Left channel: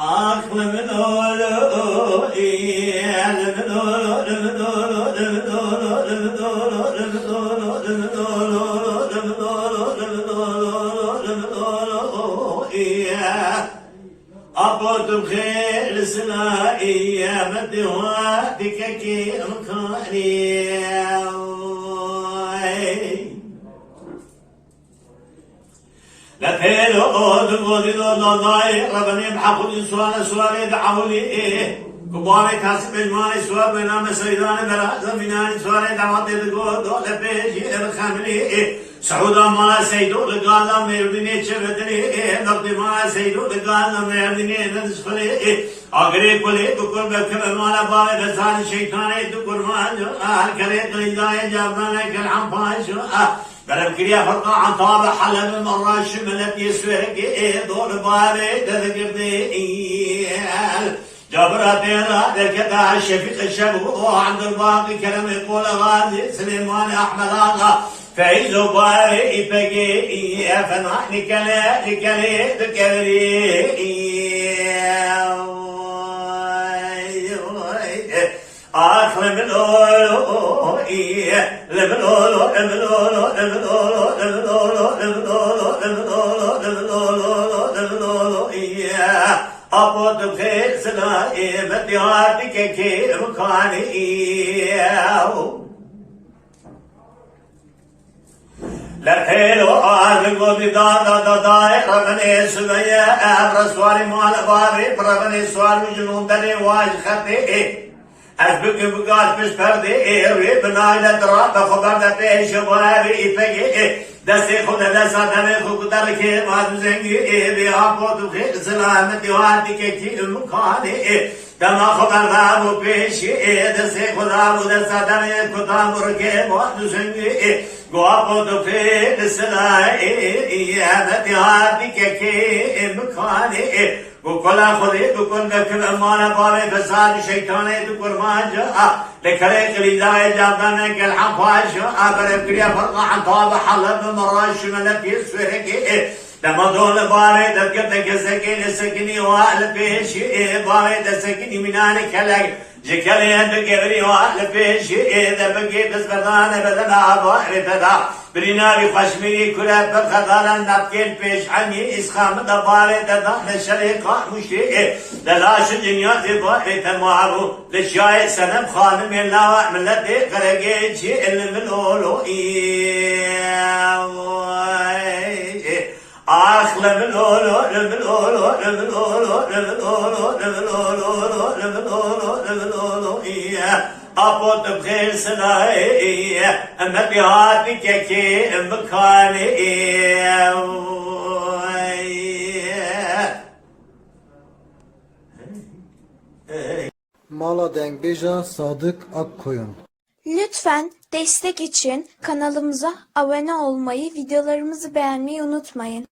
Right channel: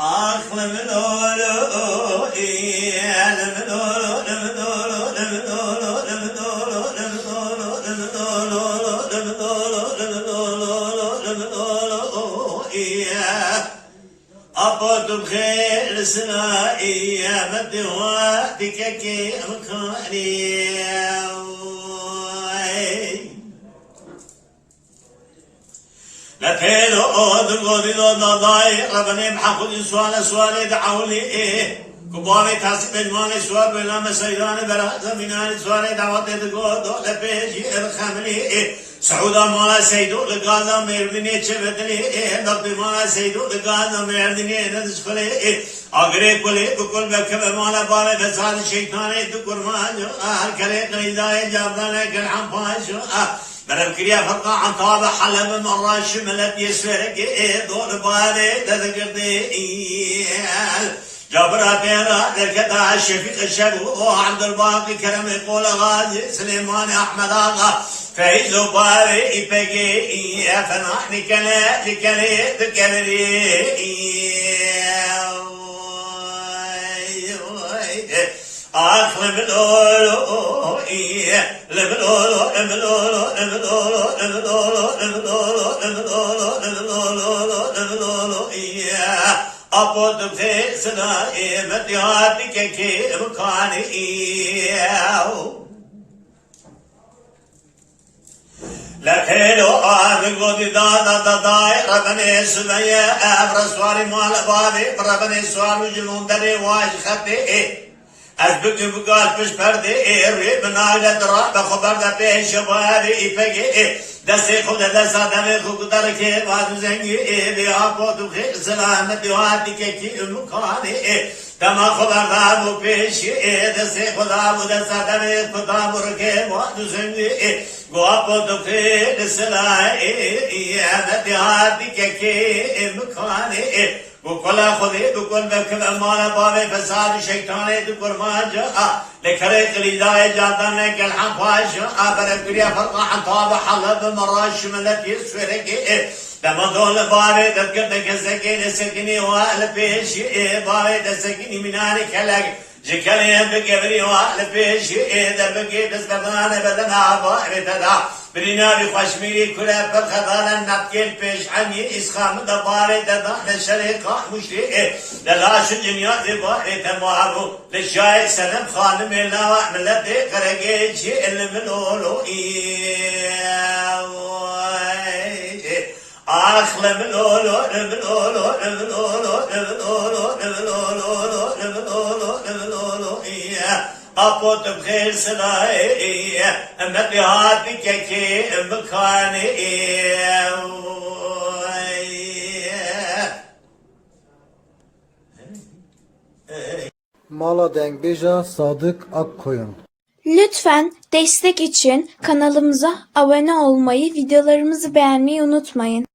Aklımın oğlu, elimin oğlu, elimin oğlu, elimin oğlu, elimin oğlu, elimin oğlu, elimin oğlu, elimin oğlu, elimin oğlu, elimin oğlu, أبوت بخير سنا أيام الدواء بككي مكاني لا تهلو دقودي دو نضاي ربني بحقود سوالي دعولي كباري تاسد الماني سوال بنام سيدان برا زميناني سوالي دعوتي دقود دو لبيجي الخملي سعودا مالا سيدو لقالا مردني چبتني نقضي مالا سيدو لقالا مردني ندسفري اگري كلي دكور بكب مالا باري بسال شيطاني دكور ماجو هر كري قليداي جابانا كالعم فاشو برم كريا فرقا عن طابع حلب مرة شملت يسفرك دور باري تذكرتي جبرة بيرا ذكتا الشفيق الشبو عبد الباقي كلام يقول غازي سليمان احمد اغا فايز باري بقي فنحن لكلي ذكري آخر من أولو لمن أولو لمن أولو لمن أولو لمن أولو لمن أولو لمن أولو لمن أولو لمن أولو أبو دبخير سنائي مدياتك كي مكاني لكيلو آرغو دي دا داي ربني سمية أبرسواري مال بابي ربني سواري جنون دري واج خطي أزبك بقال فش بردي روي بنايلة درا بخبر دا بيش شبابي إفقي دستي خود دستا دمي خود دركي باد زنگي بيهابو دخير سلامتي وادي كي مكاني دما خبر دارو بيشي دستي خود ابو دستا دمي خود مركي باد زنگي گوابو دخير سلامتي وادي كي مكاني وكلا خذي بكل بكل أمانة باري فساد شيطاني دكور ماجا لكري قليداي جادانا كالحم فاشا برقريا فرقا عن طابع حلب مراش ملك يسفرك لما دول باري دكتك سكين سكيني وأهل بيشي باري دسكيني مناني كلاك جكري بقبري وأهل بيشي دبقي بس بدانا بدنا باري تدا برينا بخشمي كلا بالخضارة نبكي البيش عني إسخام دباري ددان الشريقة مشري للاش الدنيا دباري تمارو للشاي سنم خانم الله من لدي قرقيجي اللي من أولو أخلا من أولو من أولو من أولو من أولو من أولو من أولو من أولو أبوت بخير سلاي مدياتي كي مكاني Mala Dengbeja Sadık Akkoyun. Lütfen destek için kanalımıza abone olmayı, videolarımızı beğenmeyi unutmayın.